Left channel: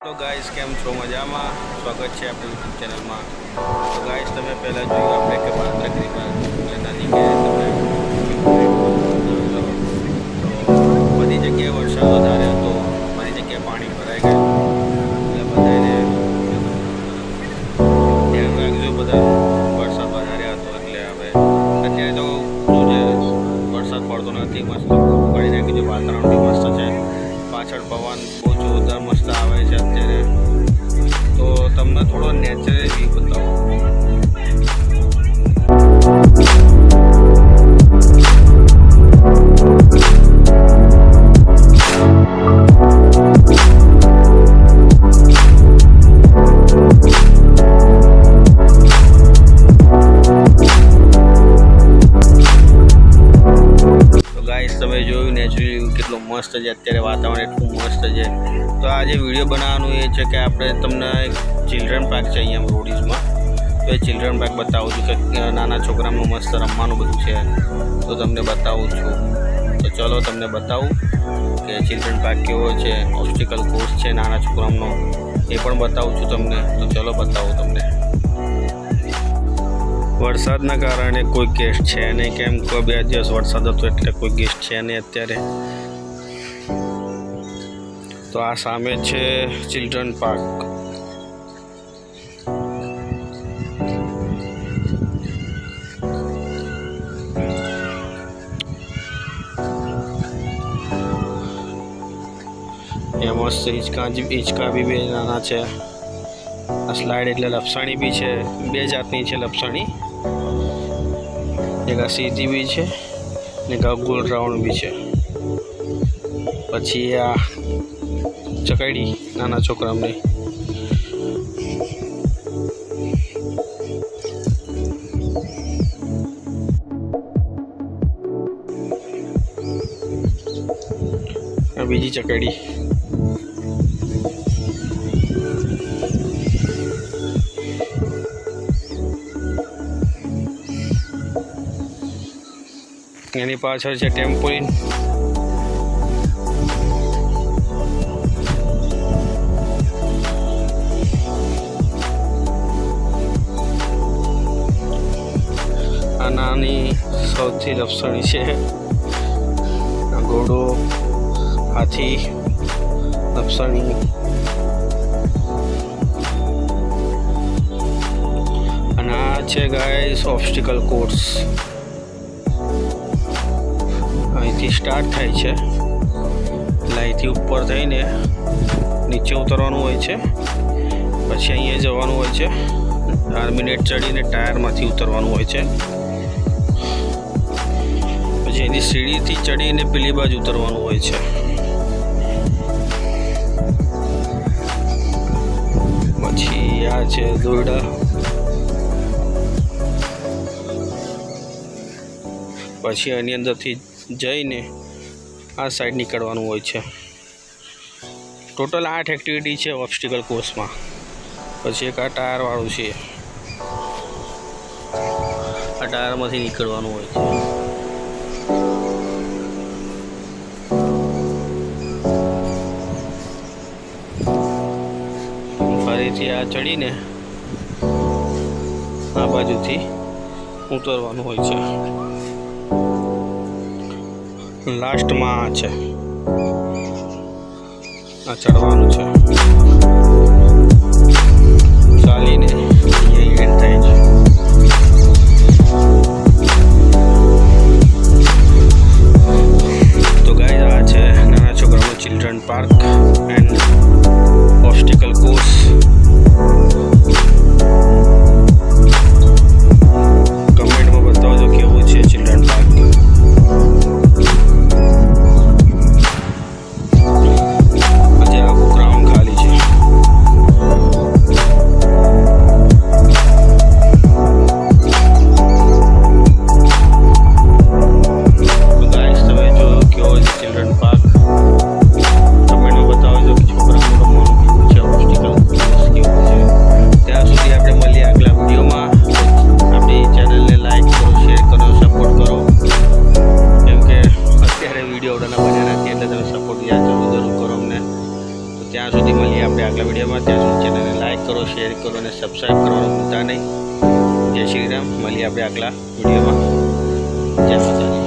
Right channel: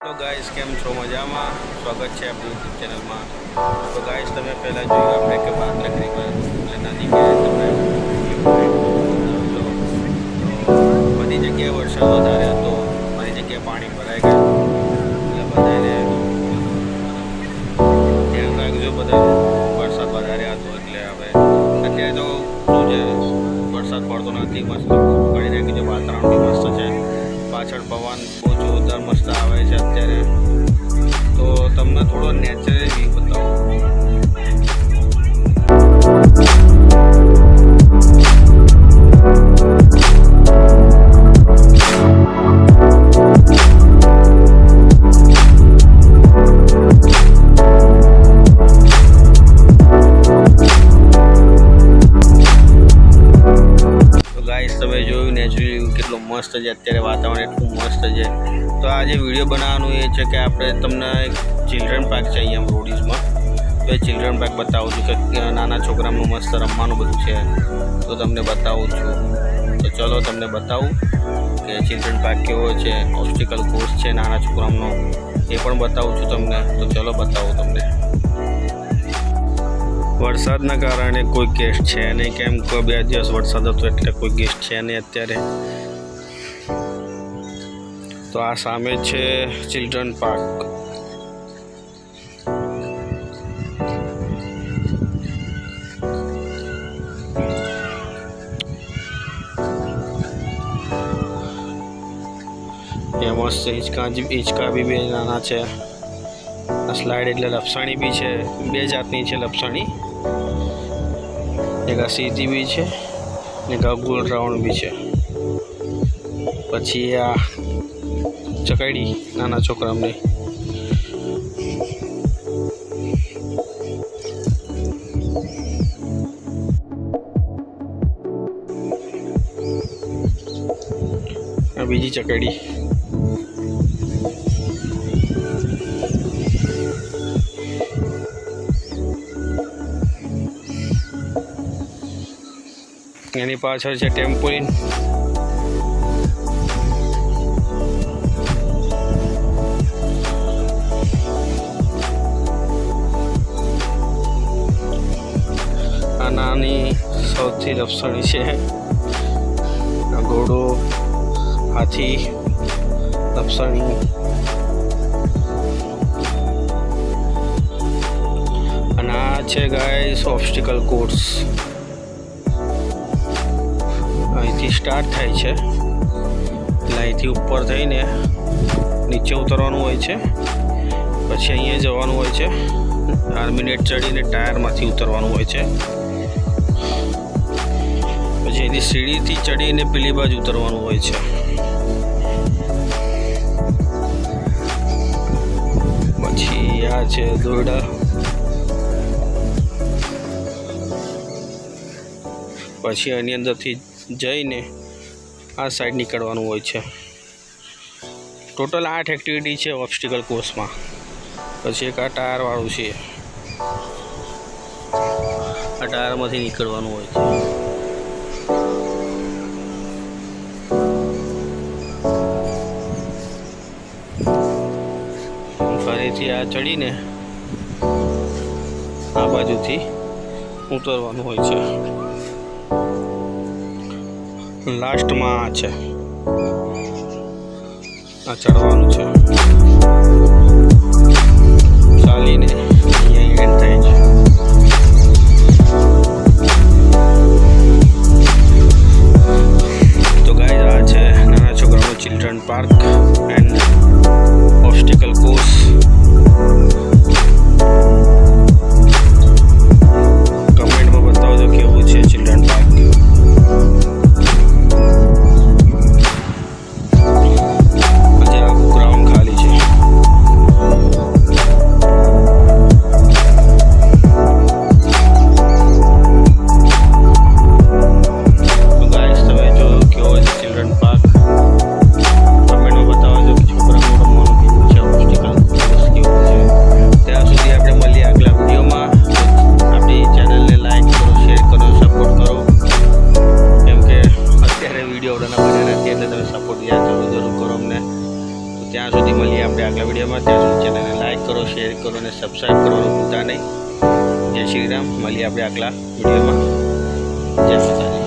Hello guys केम छो मजामा स्वागत है अपनी यूट्यूब चैनल में। तो गाइस तमे पहला जोयुं आपणे के वांद्रक रिवर એટલે નદી કે તમે વ્યૂ પોઈન્ટ જોયેલો તો બધી જગ્યાએ વરસાદ વધારે હતો, બધી જગ્યાએ પાણી ભરાઈ ગયું એટલે બધાને ધ્યાન રાખજો બધાનું। વરસાદ વધારે હતો એટલે હવે અત્યારે તો શું છે વરસાદ પડતો નથી, મસ્ત પડી નાખ્યું છે, વાતાવરણ બી મસ્ત છે, પાછળ પવન બહુ જોરદાર મસ્ત આવે છે અત્યારે। તો તમને થોડો નેચરલ વ્યૂ બતાવું। તમે જોયું નેચરલ વ્યૂ કેટલો મસ્ત છે, અત્યારે વાતાવરણ એટલું મસ્ત છે। તો આજે વિડીયો બનાવવાનું એ છે કે આપણે તમને એક ચિલ્ડ્રન પાર્ક છે અહીંયા રોડીઝમાં, તો એ ચિલ્ડ્રન પાર્ક બતાવું છું કે નાના છોકરાનું મસ્ત રમવાનું બધું છે, તો તમને બતાવું છું। તો ચલો તમને બતાવું કે ચિલ્ડ્રન પાર્ક કેવો છે, ઓબ્સ્ટિકલ કોર્સ છે નાના છોકરાનો એ પણ બતાવું છું તમને। તો ચલો બતાવું તમને। વરસાદના કારણે કોઈ ગેસ્ટ છે નહીં, કેમ કે 2 દિવસ વરસાદ હતો એટલે કોઈ ગેસ્ટ છે નહીં અત્યારે। તો આ સામે છે ચિલ્ડ્રન પાર્ક। એ મસ્ત હિંચકા બી 2 નાના છે। આ સ્લાઇડ એટલે લપસણી બી છે, 2 જાતની છે લપસણી, एक आ सीधी भी है ने एक गोल राउंड भी है। पछी आ चकड़ी नाना छोकरा ने बीजी चकड़ी એની પાછળ છે ટેમ્પોલિન। આ નાની સૌથી લપસણી છે, આ ઘોડો, હાથી, લપસણી। અને આ છે ગાઈસ ઓબ્સ્ટિકલ કોર્સ। અહીંથી સ્ટાર્ટ થાય છે એટલે અહીંથી ઉપર થઈને નીચે ઉતરવાનું હોય છે, પછી અહીંયા જવાનું હોય છે, આર્મિનેટ ચડીને ટાયરમાંથી ઉતરવાનું હોય છે, પછી એની સીડીથી ચડીને પેલી બાજુ ઉતરવાનું હોય છે। પછી આ છે દોરડા, પછી એની અંદરથી જઈને આ સાઈડ નીકળવાનું હોય છે। ટોટલ 8 એક્ટિવિટી છે ઓબ્સ્ટિકલ કોર્સમાં। પછી એક આ ટાયરવાળું છે, આ ટાયરમાંથી નીકળવાનું હોય છે। ફરીથી આ ચડીને આ બાજુથી ઉતરવાનું હોય છે। લાસ્ટમાં આ છે, આ ચડવાનું છે, ચાલીને અહીંયા એન્ડ થાય છે। તો ગાઈસ આ છે નાના છોકરાનો ચિલ્ડ્રન પાર્ક એન્ડ ઓબ્સ્ટિકલ કોર્સ। કમેન્ટમાં બતાવજો કેવું છે ચિલ્ડ્રન પાર્ક। આજે આખું ગ્રાઉન્ડ ખાલી છે। આગલા વિડીયોમાં. ત્યાં સુધી ચેનલને લાઇક કરો, શેર કરો અને સબસ્ક્રાઈબ કરવાનું ભૂલતા નહીં. જય શ્રી રામ. મળીએ આપણે આગલા વિડીયોમાં. જય માતાજી.